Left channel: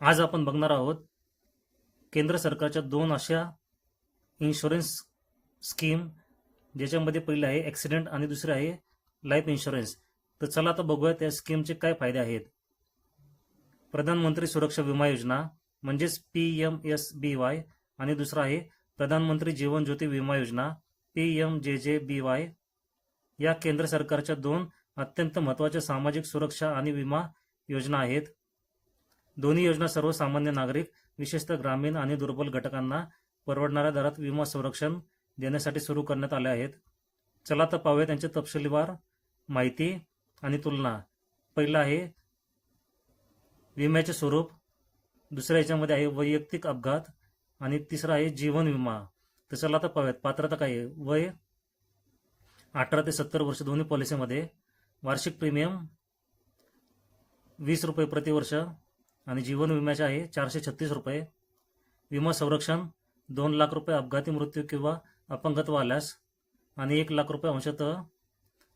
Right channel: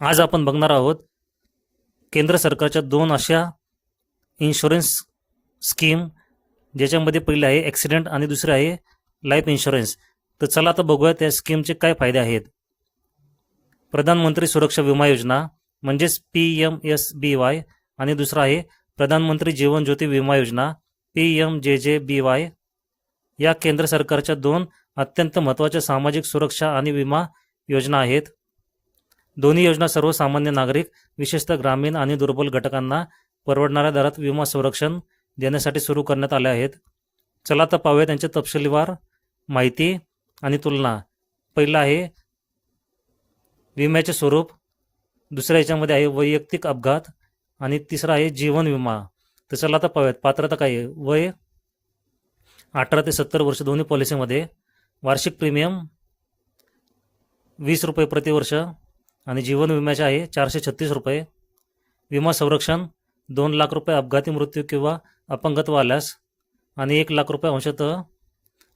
आज आपण बघणार आहोत केंद्र सरकारच्या दोन अशा इन्शुरन्स स्कीम, ज्याच्यामध्ये पहिली आहे ॲक्सिडेंट आणि दुसरी आहे लाईफ इन्शुरन्स. तर चला आता बघूया त्या स्कीमचे काय फायदे आहेत. प्रधानमंत्री सुरक्षा विमा योजना म्हणजेच PMSBY आणि दुसरा आहे प्रधानमंत्री जीवन ज्योती विमा योजना PMJJBY. या केंद्र सरकारच्या दोन अत्यंत महत्त्वाच्या सामाजिक सुरक्षा आणि विमा योजना आहेत. दोन्ही योजना सर्वसामान्य नागरिक, विशेषतः ग्रामीण आणि दुर्बल घटकांना परवडणाऱ्या दरात विमा संरक्षण देण्यासाठी सुरू करण्यात आल्या आहेत. चला तर पाहूया त्यांचे तपशीलवार माहिती आणि तुलना. पहिलं आहे विम्याचे स्वरूप, दुसऱ्या याच्यामध्ये आहे वैयक्तिक अपघात आणि तिसरा आहे जीवन विमा. तर चला आता पाहूयात. पात्रता काय आहे? वय 18 ते 70 वर्ष दोन्ही पॉलिसीमध्ये. वार्षिक प्रीमियम 20 रुपये प्रतिवर्ष आणि जीवन विम्याचे आहे 436 रुपये. विमा संरक्षण 2 लाख रुपये अपघाती मृत्यू किंवा अपंगत्व आल्यास आणि 1 लाख रुपये अंशतः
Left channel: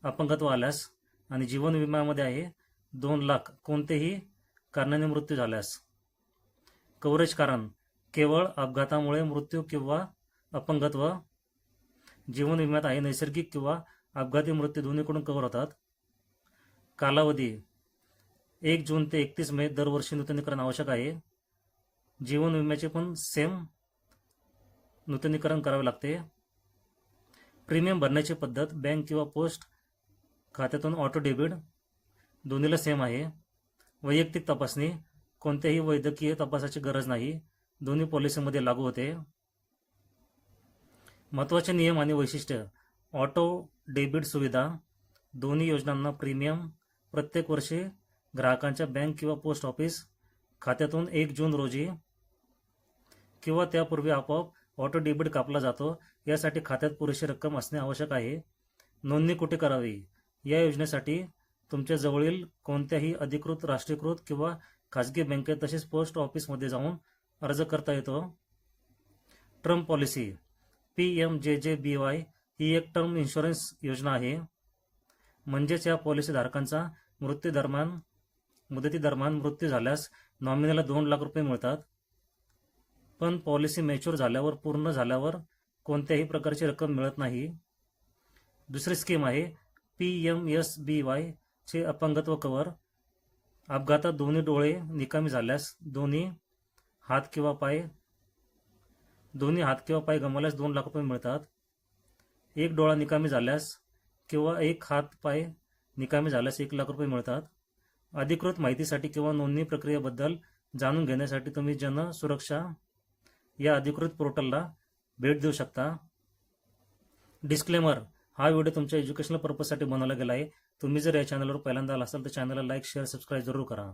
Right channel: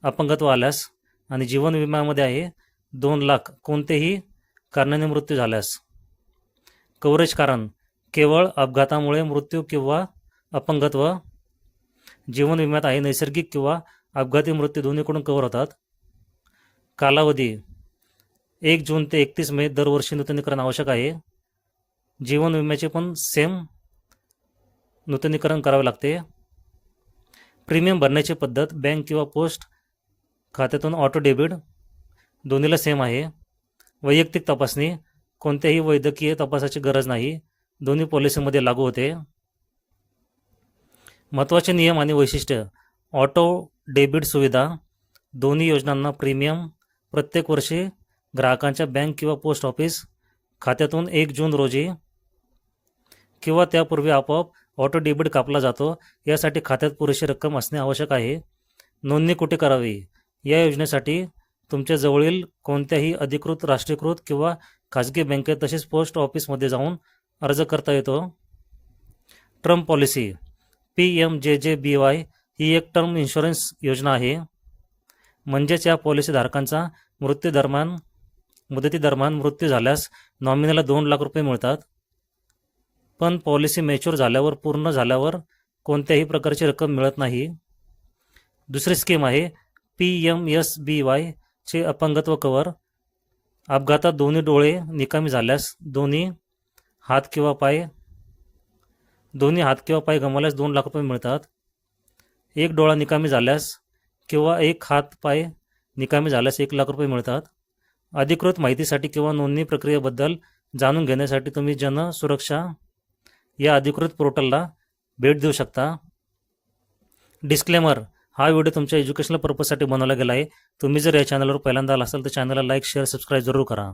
अपंगत्व आल्यास. आणि जीवन विम्यामध्ये आहे 2 लाख कोणतेही कारणाने मृत्यू झाल्यास. कव्हरेज कारण केवळ अपघातामुळे मृत्यू किंवा अपंगत्व. जीवन विम्यात आहे नैसर्गिक किंवा अपघाती मृत्यू दोन्हीकडून कव्हर होतात. कालावधी 1 जून ते 31 मे दरवर्षी नूतनीकरण आवश्यक आहे. जीवन विम्याचे पण सेम नूतनीकरण करावे लागते. प्रीमियम भरण्याची पद्धत बँक किंवा पोस्ट खात्यातून ऑटो डेबिट, दोन्हीला सेम आहे. वैयक्तिक तपासणी कोणत्याही वैद्यकीय तपासाची गरज नाही, दोन्ही पॉलिसीमध्ये लागू होते. महत्त्वाचे नियम आणि वैशिष्ट्य. ऑटो डेबिट सुविधा दोन्ही योजनांना प्रीमियम प्रत्येक वर्षी ग्राहकांच्या बँक किंवा पोस्ट ऑफिस खात्यातून 1 जून रोजी किंवा त्यापूर्वी आपोआप ऑटो डेबिट कापला जातो. यासाठी खात्यात पुरेशी रक्कम असणे आवश्यक आहे. नोंदणी कुठे करावी? या योजनेसाठी तुमच्या जवळील कोणत्याही अधिकृत राष्ट्रीयकृत किंवा खाजगी बँकेत तसेच पोस्ट ऑफिसमध्ये जाऊन अर्ज करता येतो. टर्म पॉलिसी PMJJBY ही एक टर्म इन्शुरन्स योजना आहे. म्हणजेच या पॉलिसीधारकांचा मुदतीदरम्यान मृत्यू झाल्यास नॉमिनीला 2 लाख रुपये मिळतात. पण पॉलिसी मॅच्युअर झाल्यावर, पूर्ण झाल्यावर कोणत्याही प्रकारची रक्कम मिळत नाही. दुसरी स्कीम आहे PMSBY चे अपंगत्व कव्हर. अपघातात दोन्ही डोळे निकामी झाल्यास, दोन्ही हात किंवा पाय गमावल्यास 2 लाख रुपये मिळतात. एक डोळा निकामी झाल्यास किंवा एक हात पाय निकामी झाल्यास 1 लाख रुपये मिळतात. अधिकृत माहितीसाठी किंवा नोंदणी प्रक्रियेबद्दल जाणून घेण्यासाठी तुम्ही जन सुरक्षा या अधिकृत पोर्टलला भेट देऊ शकता. डिस्क्लेमर: हा व्हिडिओ तुमच्या एज्युकेशनल पर्पजसाठी बनवला गेला आहे. तुम्ही जर या चॅनलवर पहिल्यांदा आला असाल तर चॅनलला लाईक, शेअर, सबस्क्राईब जरूर करा.